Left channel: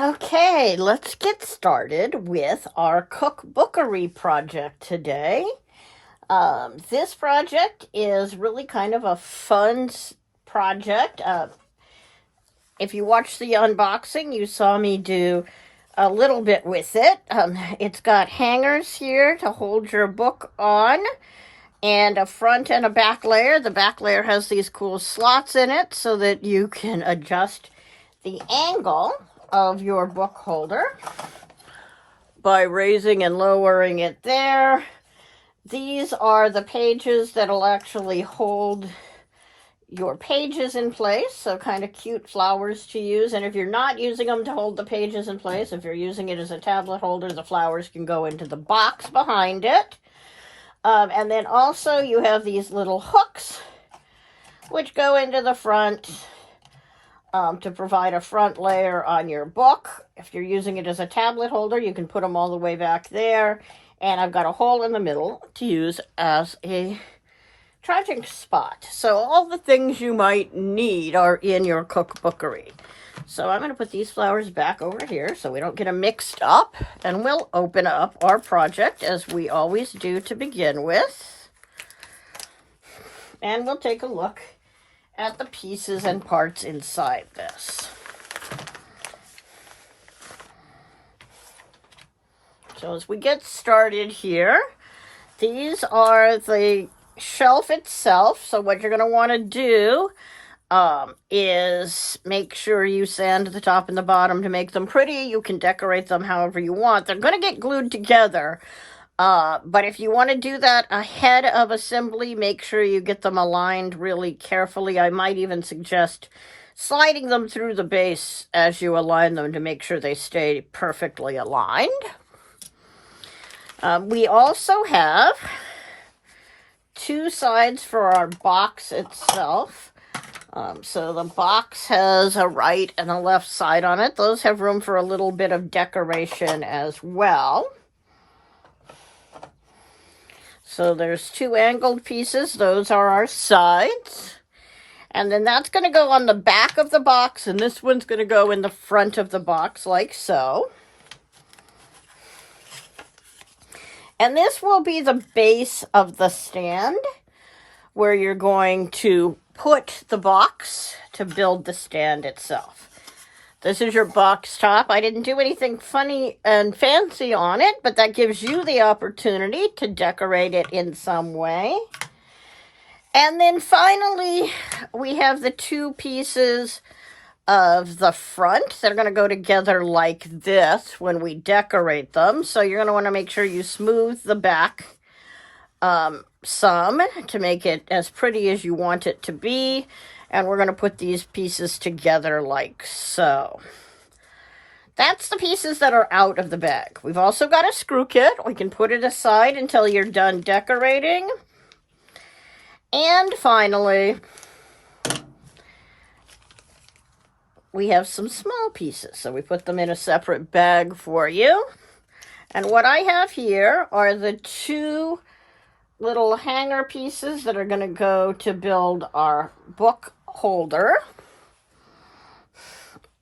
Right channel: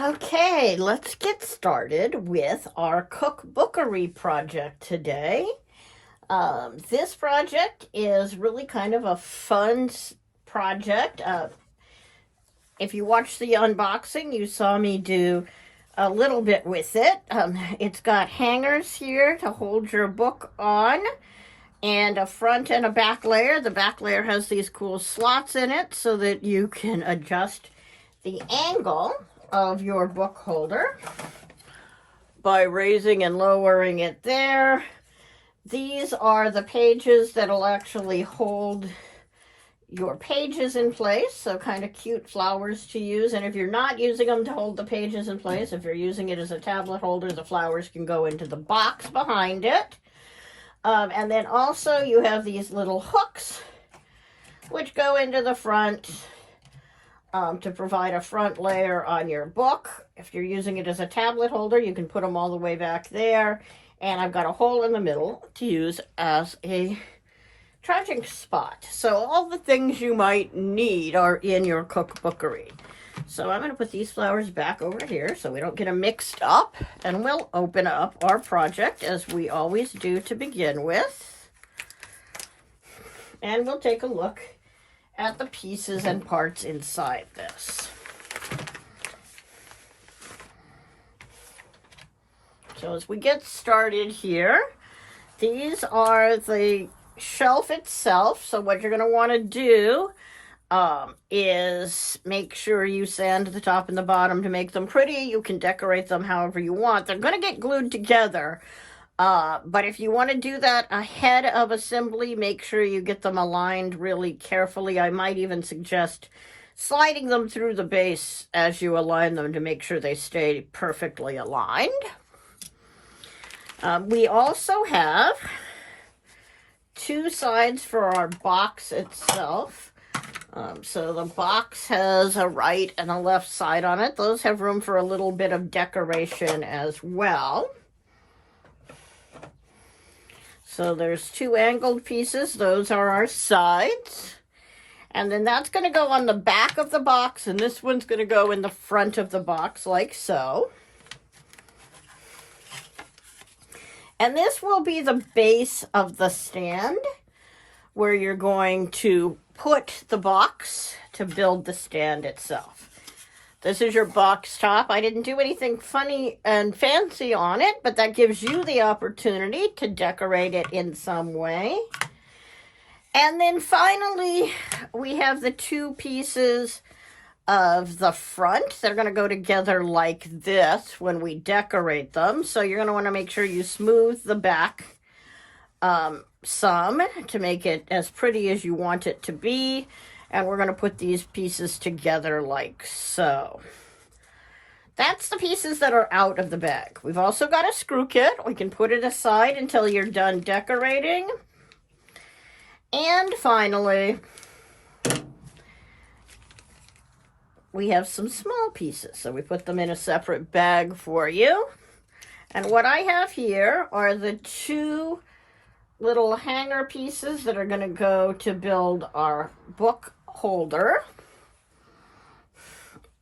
Okay, let's get started with our cookbookery project today. This project is really kind of a fun project. If you watched the unboxing, you saw me do a little bit with it. It's got hangers here to hold your book on, and a front and a back layer. The back layer has these cool slots in it so that you can adjust the angle of your book holder by raising and lowering it there. These are the pages that'll actually hold your pages in place, so kind of cute flowers to use. And if you're not using them to hold the pages in place, if you're using it as a tablet holder, the flowers can go into the box behind it. And then also you have these little hooks which go into the front to provide a front layer on your book. If you're using it as a tablet holder, you can put them all the way back there. And I've got a hole in the middle to use as a charging spot. So all the things you might need are in your cookbookery. So I'm going to put these flowers back over here so we don't get them mixed up. And we'll open up our project as we always do to begin with. And we'll take a look at the pieces and parts inside this. So as we get started here, these are the shelf itself. So what you're going to want to do is make sure you sand the top and the bottom to make them pretty. You can decorate them however you want. They're going to get glued together. But if you want to do that ahead of assembly, make sure you get them aligned really carefully. I might even suggest sliding them through the base as you align them to make sure they stay perfectly aligned. We also have two sides for our box itself. So the box has a right and a left side on it. Those have room for a little bit of decoration as well. So there's two angled pieces. Those are our sides. And then that's going to go on the back of the box, and this one's going to go in the front of the box like so. And this will be the base of the stand where you're going to put the box to build the stand itself. This is your box top. I didn't do anything funny and fancy on it, but that gives you the opportunity to decorate it in some way. And then finally, we have the two pieces of the front that are going to go together like this when we decorate them. So you're going to want to make sure you smooth the back some to make it as pretty as you want it to be. And we're going to put these pieces together like so. That's the pieces that are out of the bag. We've also got a screw kit. We can put it aside until you're done decorating. And finally, we have some small pieces. So we put them in a separate bag for you. And what I have here are the two little hanger pieces that are going to go to build our book holder.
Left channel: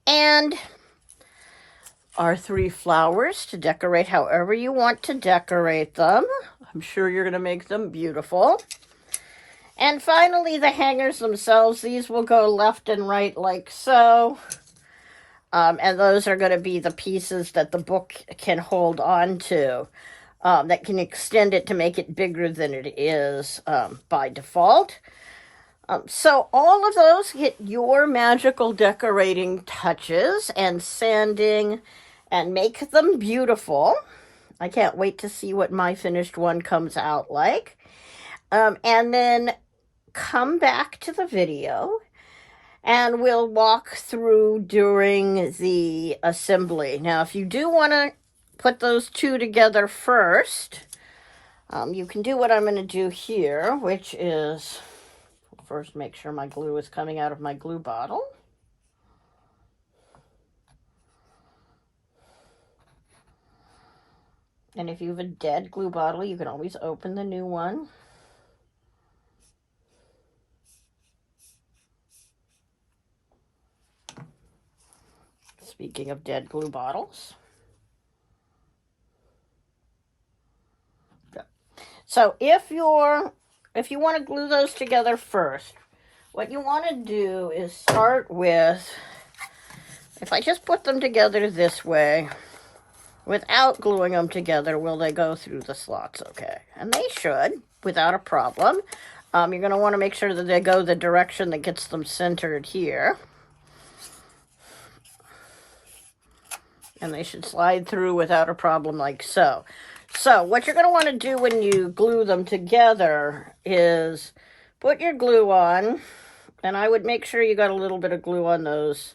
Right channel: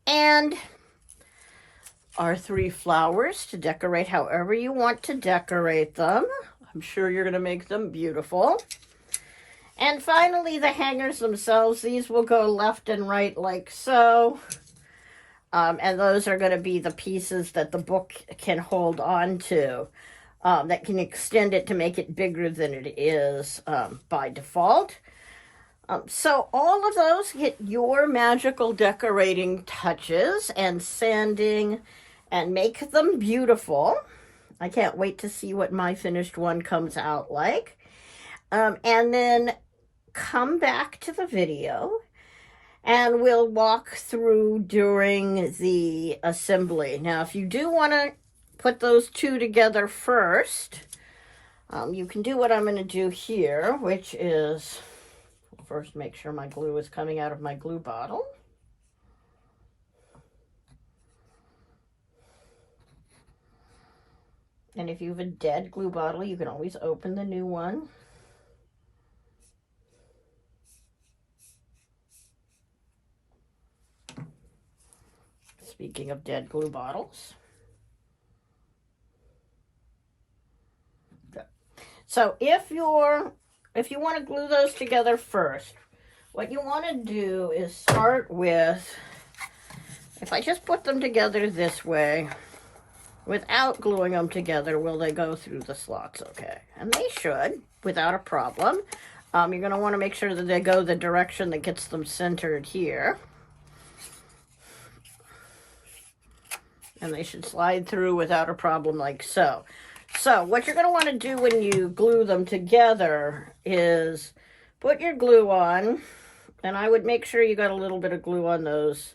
And our three flowers to decorate however you want to decorate them. I'm sure you're going to make them beautiful. And finally, the hangers themselves. These will go left and right like so. And those are going to be the pieces that the book can hold on to. That can extend it to make it bigger than it is by default. So all of those get your magical decorating touches and sanding and make them beautiful. I can't wait to see what my finished one comes out like. And then come back to the video and we'll walk through during the assembly. Now, if you do want to put those two together first, you can do what I'm going to do here, which is first make sure my glue is coming out of my glue bottle. And if you have a dead glue bottle, you can always open the new one. speaking of dead glue bottles. So if you want to glue those together first, what you want to do is start with, if I just put them together this way, without gluing them together, will they go through the slots okay? And they should, without a problem. You're going to want to make sure that they go the direction that gets them centered here. And they should slide through without a problem like so. So what you're going to want to do when you glue them together is put your glue on, and I would make sure you got a little bit of glue on those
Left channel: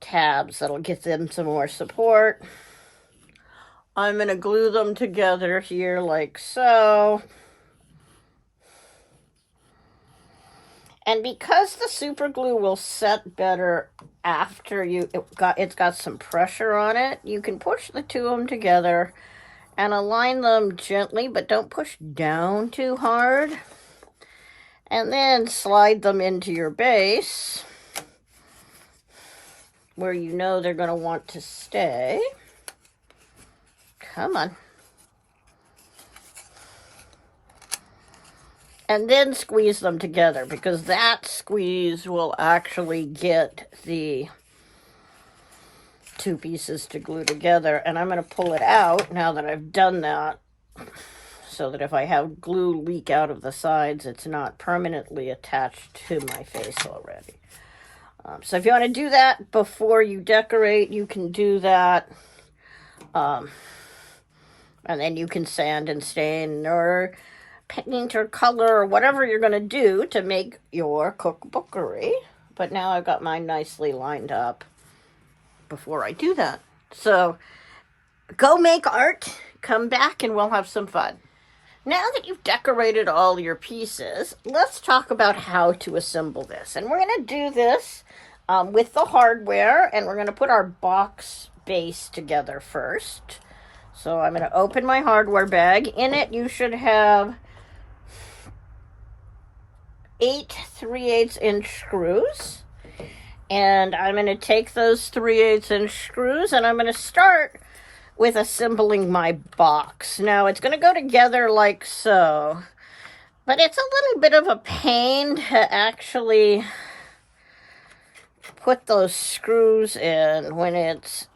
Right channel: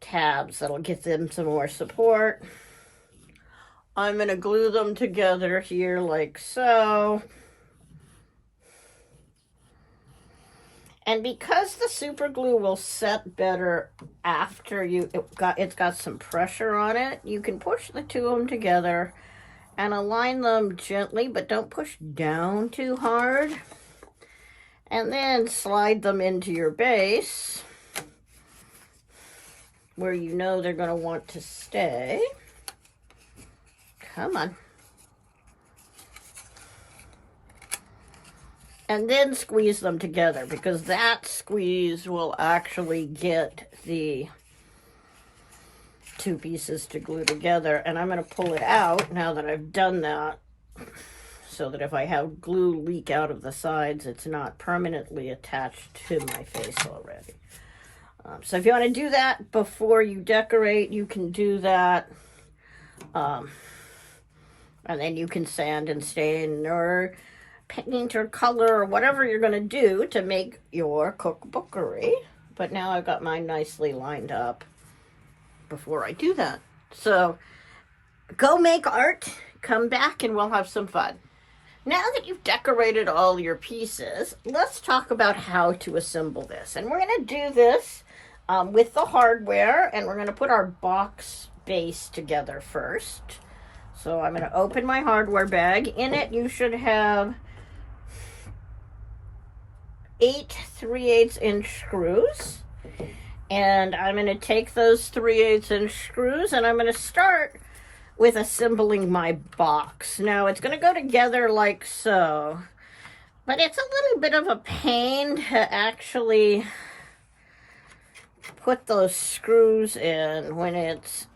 tabs. That'll give them some more support. I'm going to glue them together here like so. And because the super glue will set better after it's got some pressure on it, you can push the two of them together and align them gently, but don't push down too hard. And then slide them into your base where you know they're going to want to stay. Come on. And then squeeze them together, because that squeeze will actually get the two pieces to glue together. And I'm going to pull it out now that I've done that, so that if I have glue leak out of the sides, it's not permanently attached to my face already. So if you want to do that before you decorate, you can do that. And then you can sand and stain or paint or color or whatever you're going to do to make your cookbookery. But now I've got mine nicely lined up before I do that. So go make art, come back, and we'll have some fun. Now that you've decorated all your pieces, let's talk about how to assemble this. And we're going to do this with the hardware, and we're going to put our box base together first. So I'm going to open my hardware bag. In it, you should have 8 3/8 inch screws. And I'm going to take those 3/8 inch screws, and I'm going to start with assembling my box. Now, it's going to go together like so, but it's a little bit of a pain to actually put those screws in when it's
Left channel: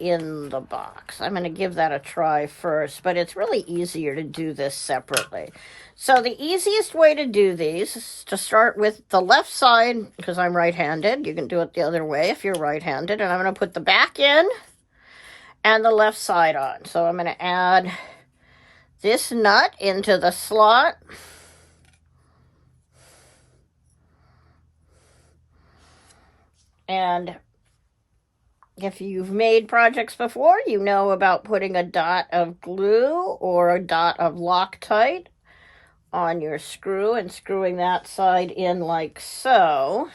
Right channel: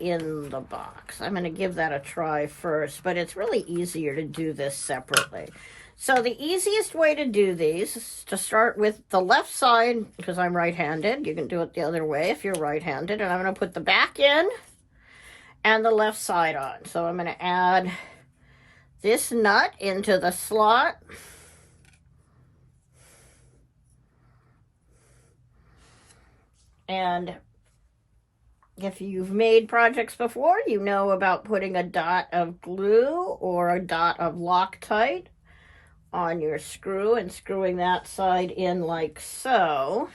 in the box. I'm going to give that a try first, but it's really easier to do this separately. So the easiest way to do these is to start with the left side, because I'm right-handed. You can do it the other way if you're right-handed. And I'm going to put the back in and the left side on. So I'm going to add this nut into the slot. And if you've made projects before, you know about putting a dot of glue or a dot of Loctite on your screw and screwing that side in like so.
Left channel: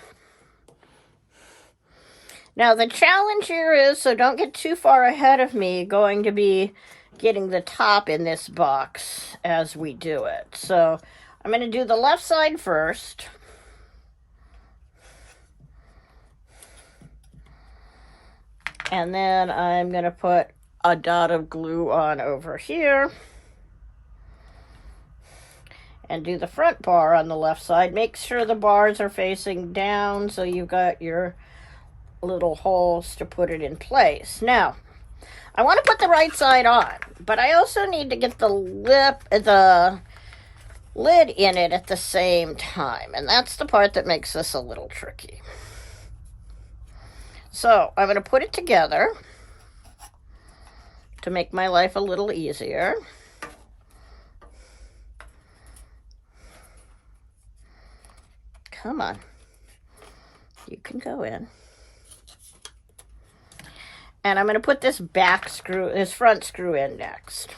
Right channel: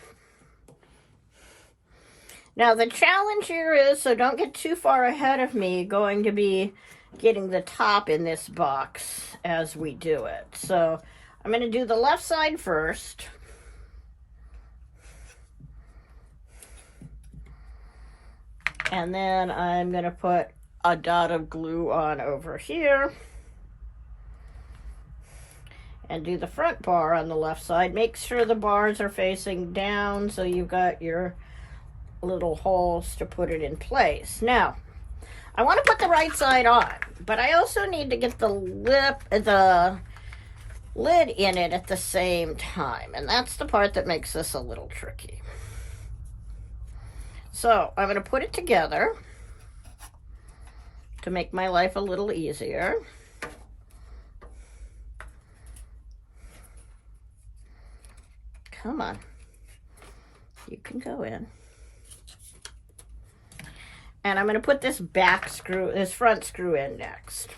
Now the challenge here is, so don't get too far ahead of me, going to be getting the top in this box as we do it. So I'm going to do the left side first. And then I'm going to put a dot of glue on over here. And do the front bar on the left side. Make sure the bars are facing down so you've got your little holes to put it in place. Now, I want to put the right side on, but I also need to get the lid in it at the same time. And that's the part that makes this a little tricky. So I'm going to put it together to make my life a little easier. Come on. You can go in. And I'm going to put this front screw in next.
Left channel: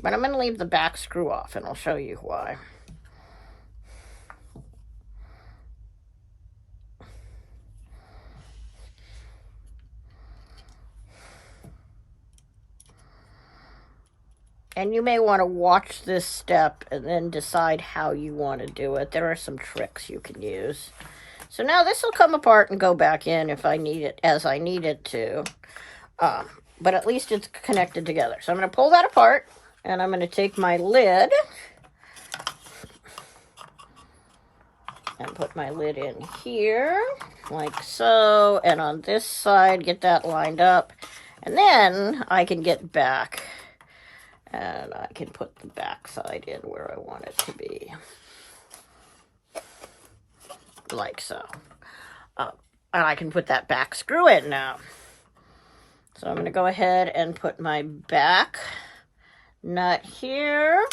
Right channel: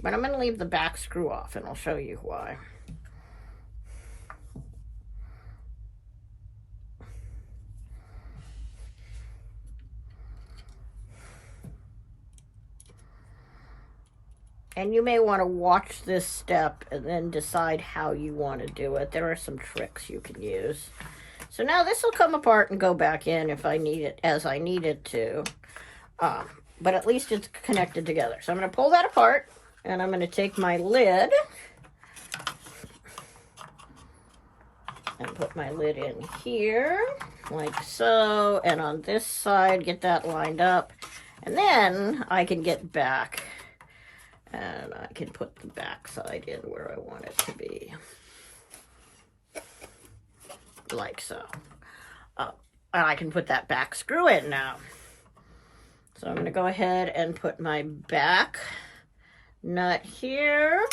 But I'm going to leave the back screw off, and I'll show you why. And you may want to watch this step and then decide how you want to do it. There are some tricks you can use So now this will come apart and go back in if I need it, as I need it to. But at least it's connected together. So I'm going to pull that apart, and I'm going to take my lid and put my lid in here, like so. And on this side, get that lined up. And then I can get back, and I can put the back side in where I want it to be. Like so. And I can put that back screw in now. So I'm going to go ahead and put my back nut here.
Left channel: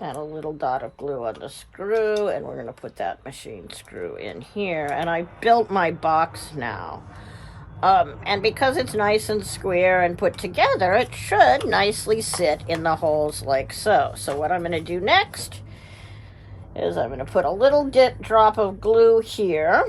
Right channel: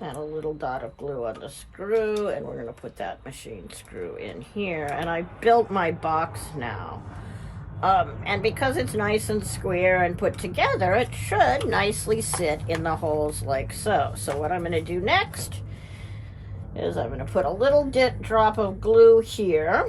And a little dot of glue on the screw, and we're going to put that machine screw in here. And I built my box now. And because it's nice and square and put together, it should nicely sit in the holes like so. So what I'm going to do next is I'm going to put a little drop of glue here.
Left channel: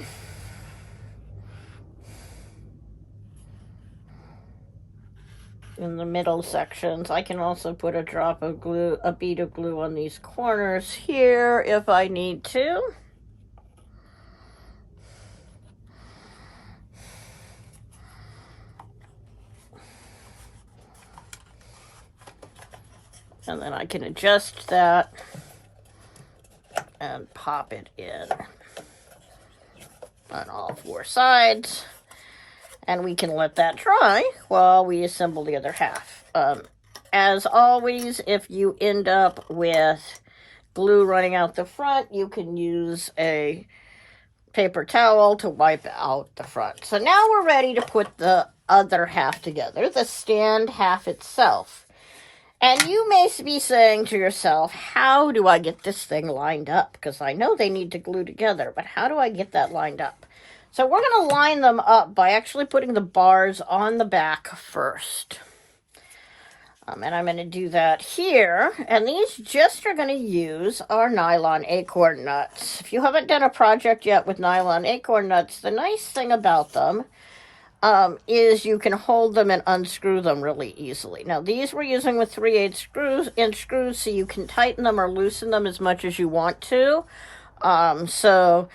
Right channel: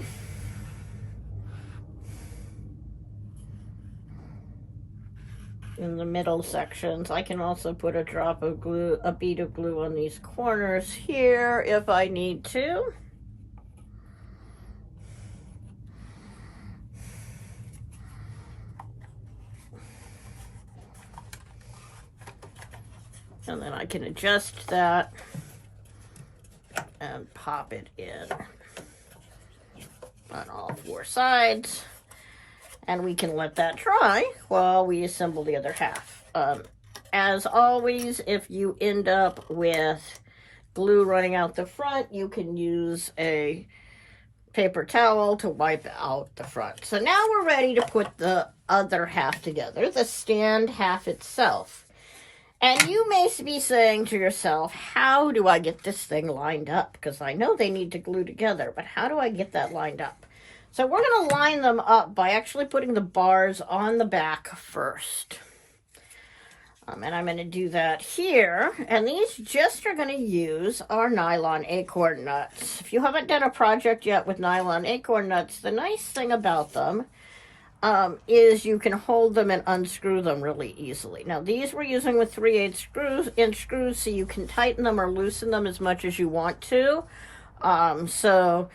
In the middle sections. I can also put a drop of glue, a bead of glue on these corners here if I need to. And then I can adjust that and pop it in on all four sides. And we can let that dry while we assemble the other half. As always, if you end up with glue running out the front, you can use a paper towel to wipe out the front. So now we're ready to put the other half together, the stand half itself. And you may be saying to yourself, how do I get this thing lined up? Because I know they need to glue together, but how do I get that lined up? So we're going to line them up by actually putting the bars on the back first. And I'm going to do that here. And these just are going to use our nylon acorn nuts. If you haven't done a project yet with nylon acorn nuts, the nice thing about them is you can hold them and unscrew them really easily. Now these we're using with 3/8 inch screws, so you can tighten them or loosen them as much as you want to. So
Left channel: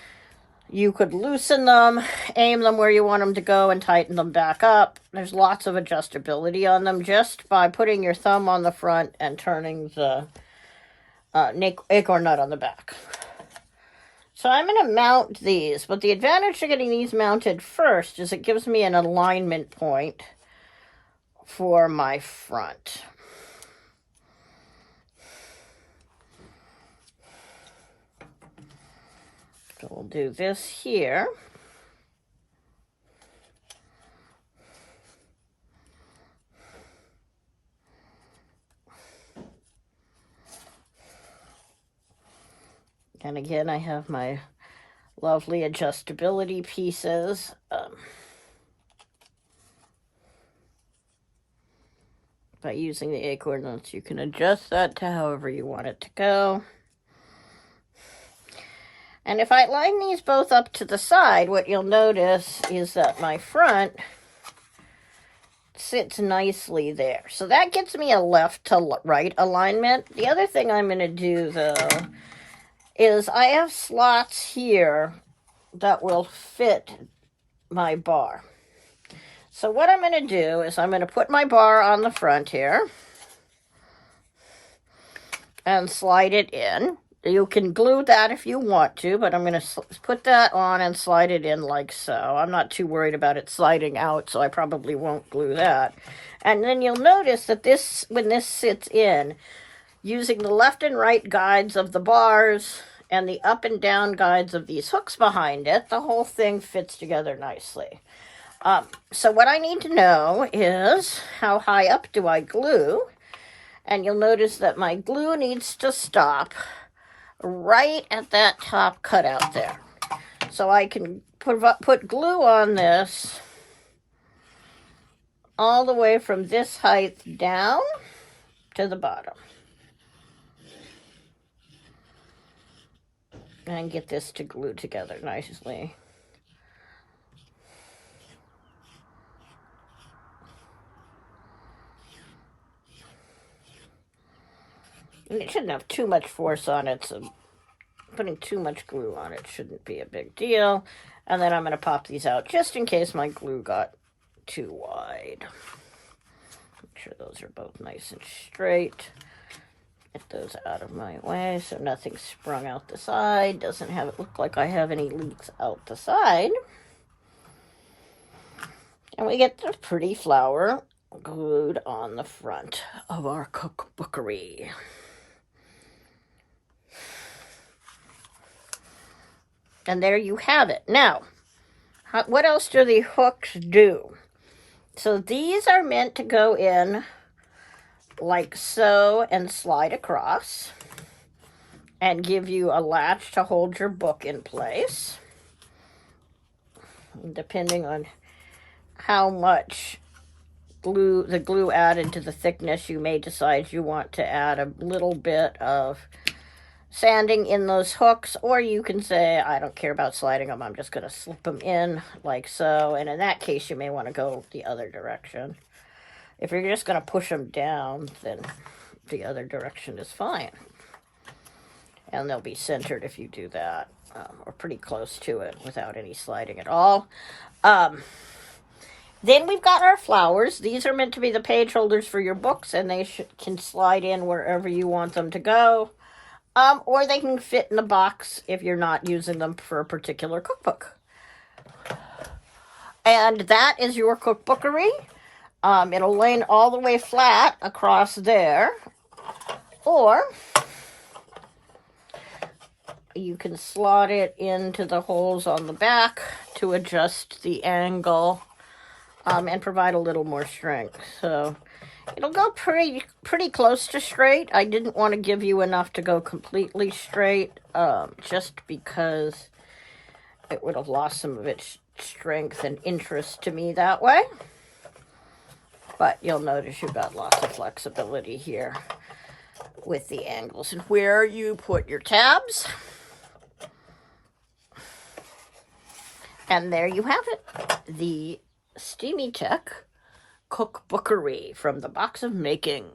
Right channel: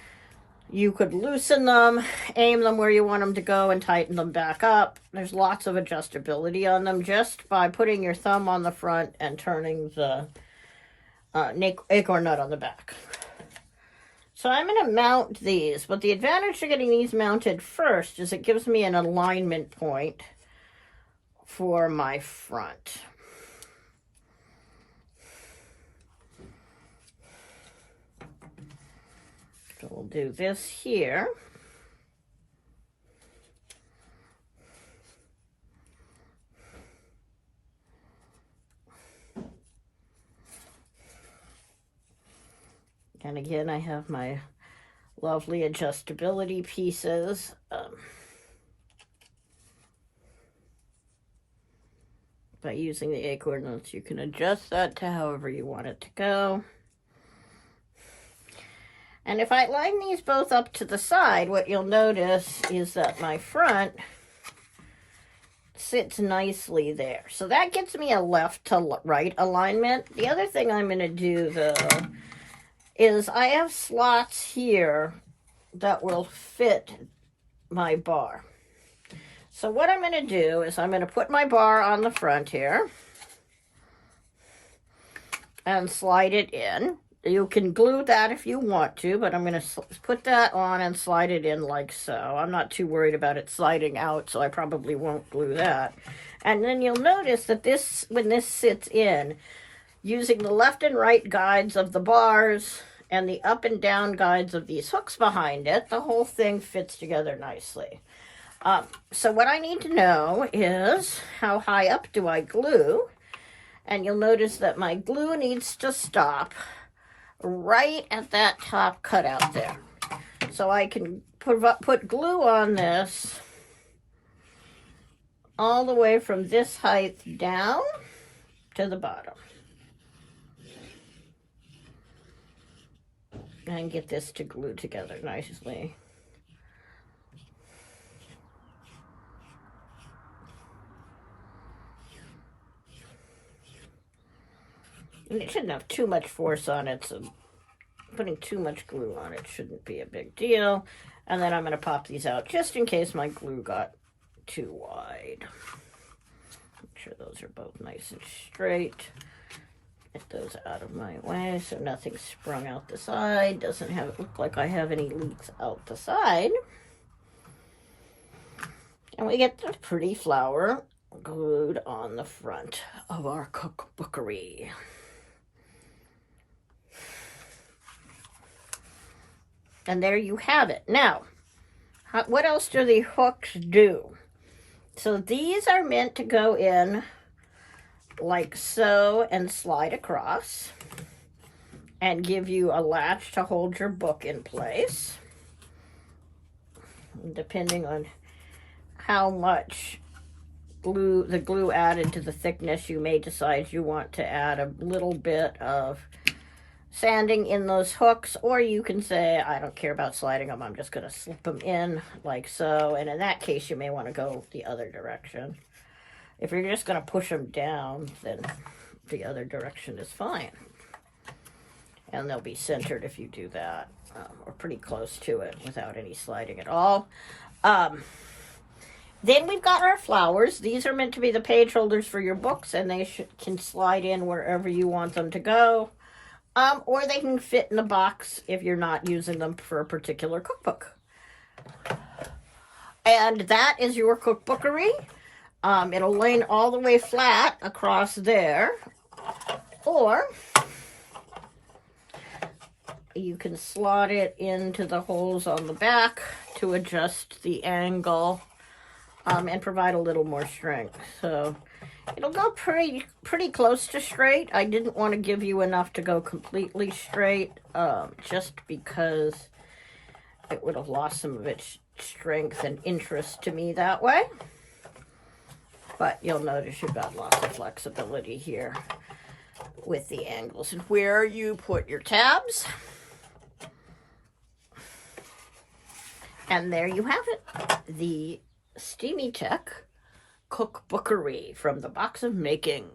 you could loosen them, aim them where you want them to go, and tighten them back up. There's lots of adjustability on them just by putting your thumb on the front and turning the acorn nut on the back. So I'm going to mount these, but the advantage of getting these mounted first is it gives me an alignment point for my front. So we'll do this here. And again, I have my lovely adjustability pieces. By using the acorn nuts, you can adjust that to however you want it to go. And if I line these both up to the side, what you'll notice is that my front sits nicely there. So that gets me a left to right alignment. The other thing I'm going to do, though, is I have slots here that will fit my bar. So what I'm going to do is I'm going to put my bar on the front here and slide it in. You can glue that if you want to, but I'm going to put that on and slide it in like so. I'm not too worried about it sliding out, so I probably won't glue that. And then you'll notice that this, when this sits in, using the left and right guides of the bars and the up and down guides of these hooks behind it, the whole thing fits together nicely. So what I need to know is how high up do I glue? And you'll notice that my glue needs to stop right at that top cutout there. So I can put glue on this all the way from this height down to the bottom. And get this to glue together nicely. And it shouldn't have too much force on it, so putting too much glue on it shouldn't be a big deal. And then I'm going to pop these out just in case my glue got too wide. Make sure those are both nice and straight. Get those out of my way so nothing's sprung out the side. Doesn't have it look like I have any leaks out the side. And we get the pretty flower glued on the front of our cookbookery. And there you have it. Now, what else do the hooks do? So these are meant to go in like so and slide across and give you a latch to hold your book in place. Depending on how much the glue added to the thickness, you may decide you want to add a little bit of sanding in those hooks, or you can say, I don't care about sliding them, I'm just going to slip them in like so. And in that case, you may want to go the other direction. If you're just going to push them down, then the other direction is fine. And they'll be centered if you do that, or pretty close to it without any sliding at all. Then we've got our flowers. These are meant to be the page holders for your books, and they can slide in wherever you want them to go. Or they can fit in the box if you're not using them for a particular cookbook. And that is your cookbookery. It'll lay all the way flat across there. Or you can slot it into the holes on the back to adjust the angle and provide a little more strength. So it'll go pretty close to straight. I didn't want to give you enough to go completely straight, just because it would have lost some of its strength and interest to me that way. But you'll notice you've got lots of flexibility here with the angles and where you put your tabs. And there you have it, the Steamy Tech Cookbookery from the Box of Making.